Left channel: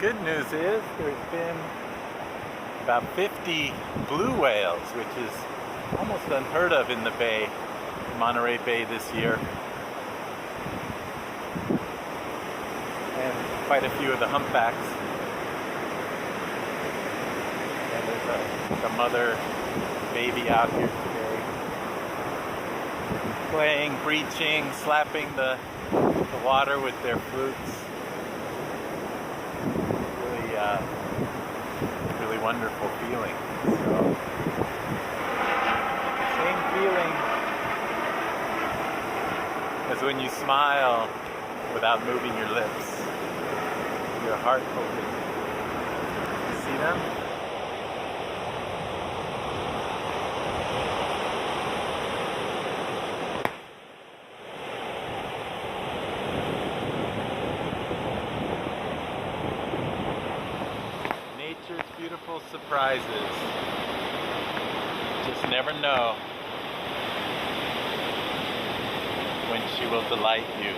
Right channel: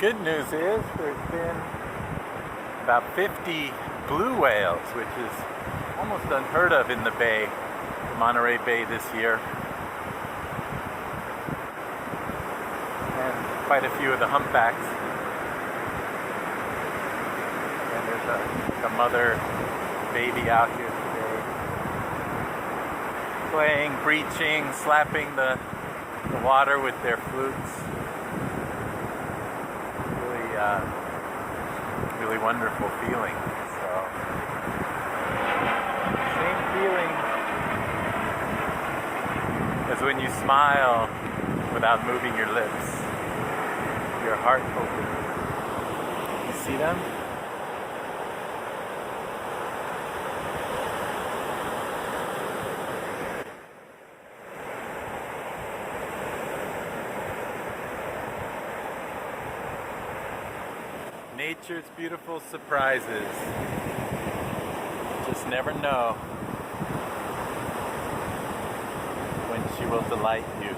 good news is there's been about 50 blue whales, which is almost unheard of in the bay, Monterey Bay this year. And quite a few of the humpbacks. And there's a mother baby out here today, playing, breaching, slapping the water with their flutes. Really wonderful feeling. So, same feeling as when you smile without moving your lips. Your heart opens. You see them? Nature's beautiful surprises. Just never know when she will delight you.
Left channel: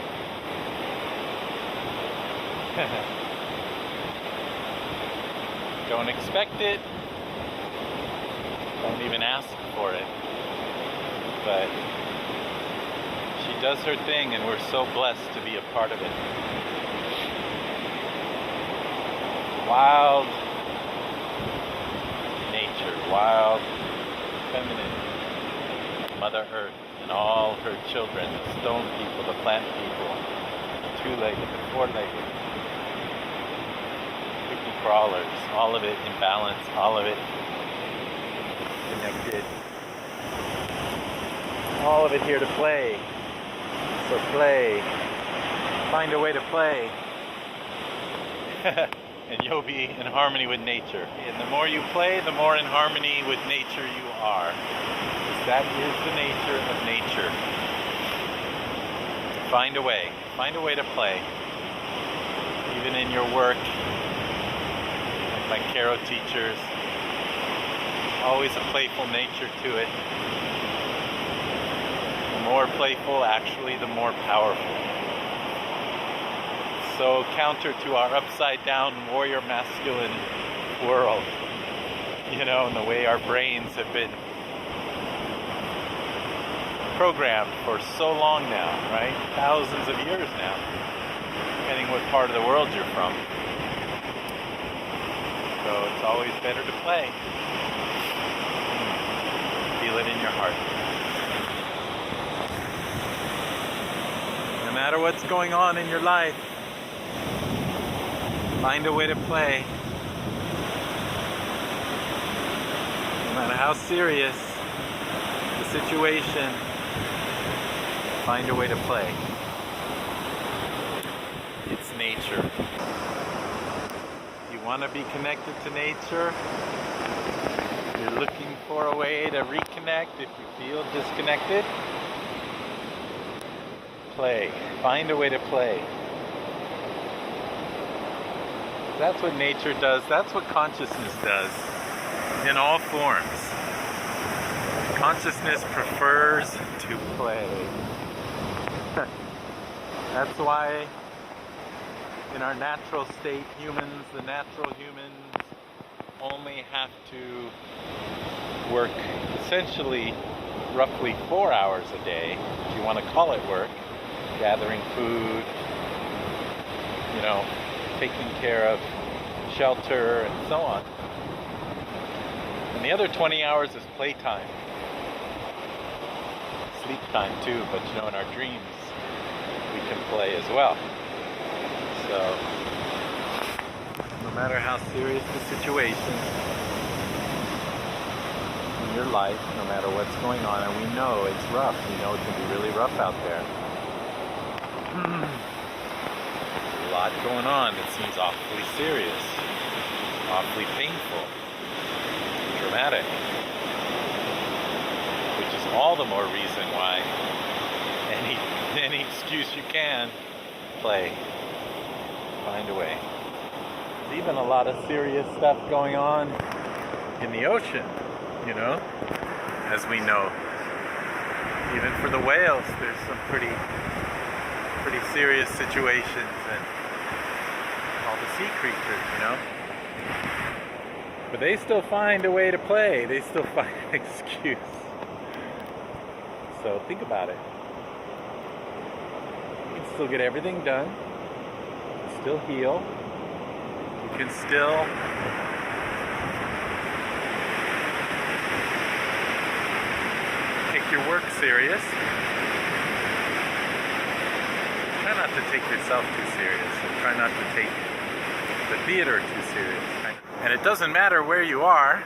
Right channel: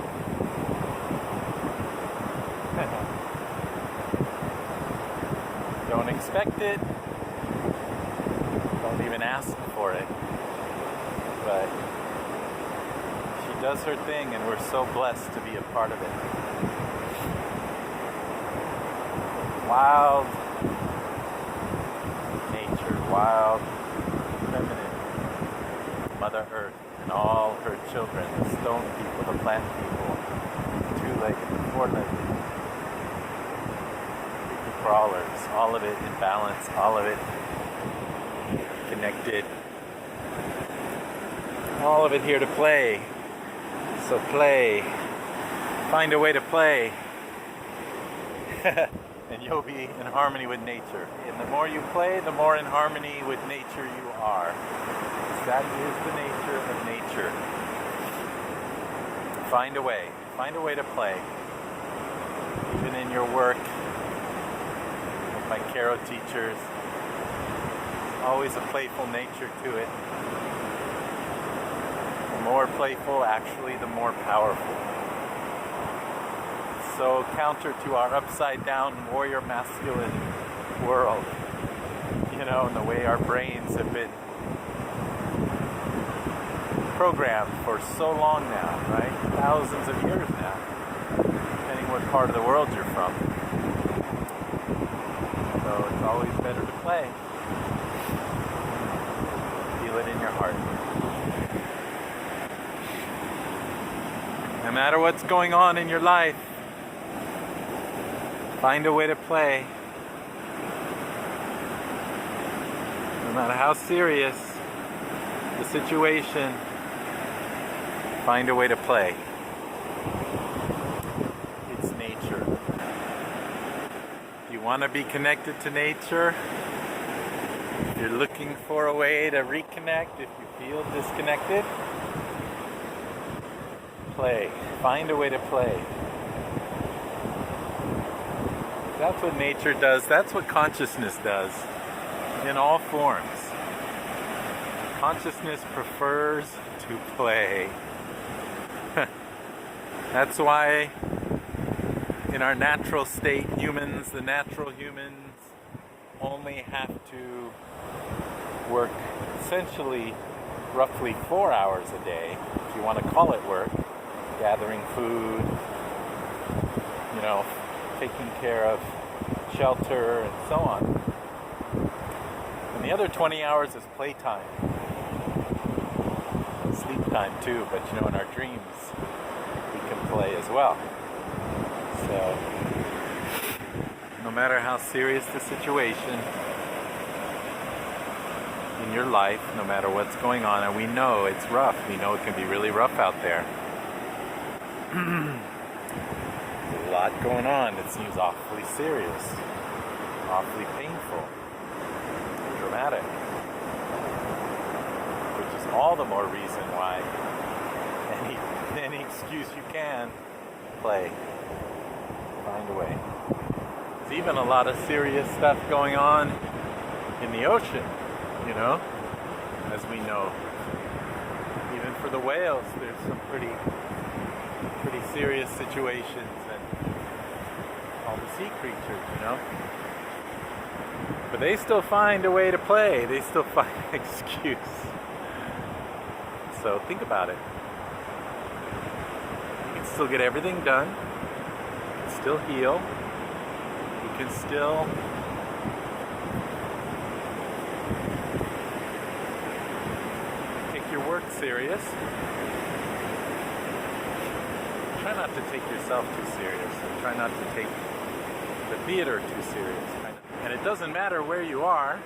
Don't expect it. Don't even ask for it. But she does her thing, and we're so blessed to be a part of it. Wild nature, wild, feminine, Mother Earth and all her children, the stone people, the plant people, the two-legged, the four-legged, creepy crawlers, all of it in balance, all of it connected, all of it here to play. So play, find a way to play. And you'll be in harmony with nature. And the more you play, the more in harmony with nature you are. That is the nature of nature. Find a way to play. Even in your work, like my Karo teachers, always a playful nature to it. The more playful, actually, the more powerful. So counter to our upside down warrior masculine world, and the way our brains have been programmed for so long now, right? Thousands of years now, depending what part of the world you're from. So it's always better to play. Feel it in your heart. No matter what's going on in your life, find a way to play. No matter how serious the situation, find a way to play. It's nature. If you want to be connected to nature, if you're looking for a way to reconnect, if you feel disconnected, play. Find a way to play. That's what nature does. That's what consciousness does in all forms. Consciousness prefers to play. That's why in our natural state, the natural humans only have to work essentially roughly 4 hours a day, if you want to call it work, gathering food, taking care of shelter and so on. And the other 20 hours is playtime. Sleep time too, but in our dreams we can play as well. So no matter how serious the situation in your life, no matter what's going on, and we know it's rough, we know it can be really rough out there. A lot going on. It seems awfully serious, awfully painful, dramatic, which is all the more reason why any excuse you can, play. Find a way. There's even a lot of serious stuff going on in the ocean, as we know. Even for the whales, there's some pretty serious situations, and all the sea creatures, you know? But they still find a way to play. They still find an excuse. So think about it. You can still get everything done. You can still heal. You can still take your work serious. Try not to take yourself too serious. And try not to take the theater too serious. And it doesn't matter where you are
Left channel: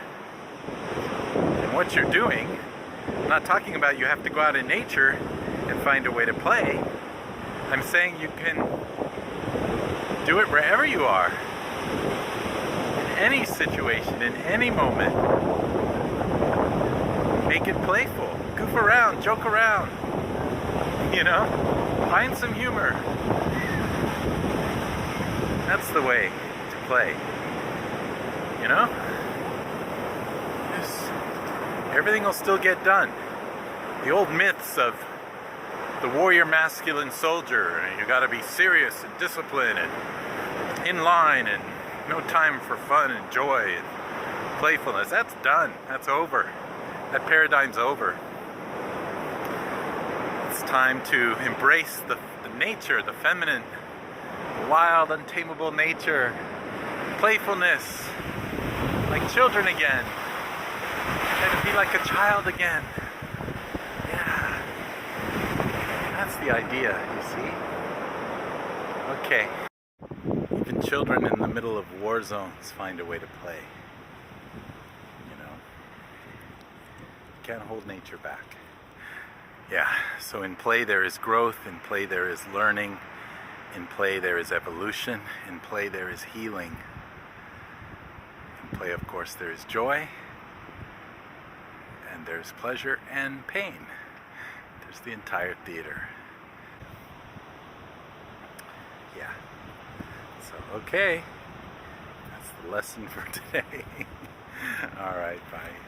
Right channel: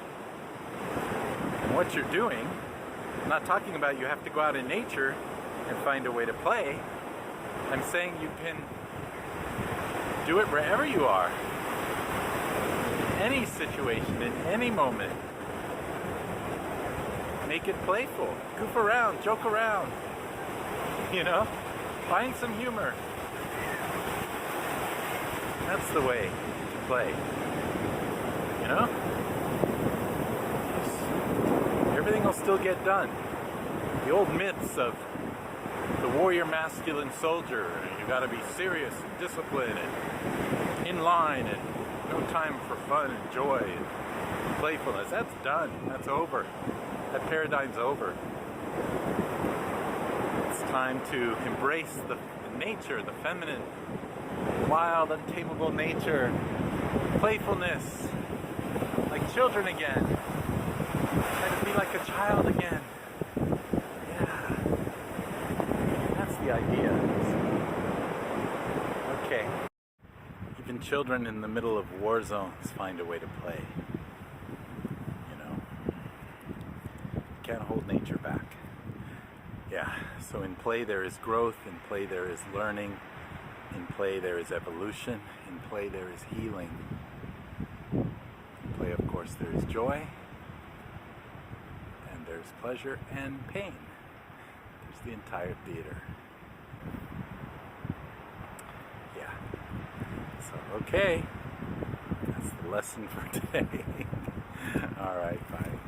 and what you're doing. I'm not talking about you have to go out in nature and find a way to play. I'm saying you can do it wherever you are. In any situation, in any moment. Make it playful. Goof around, joke around. You know? Find some humor. That's the way to play. You know? Everything will still get done. The old myths of the warrior masculine soldier, you gotta be serious and disciplined and in line and no time for fun and joy and playfulness. That's done. That's over. That paradigm's over. It's time to embrace the nature, the feminine, wild, untamable nature, playfulness, like children again. Try to be like a child again. Yeah. That's the idea, you see? Okay. Even children in the middle of war zones find a way to play. You know? Can't hold nature back. Yeah, so in play there is growth, in play there is learning, in play there is evolution, in play there is healing. In play, of course, there is joy, and there's pleasure and pain. There's the entire theater. Yeah. So, okay. That's the lesson for today. All right, bye.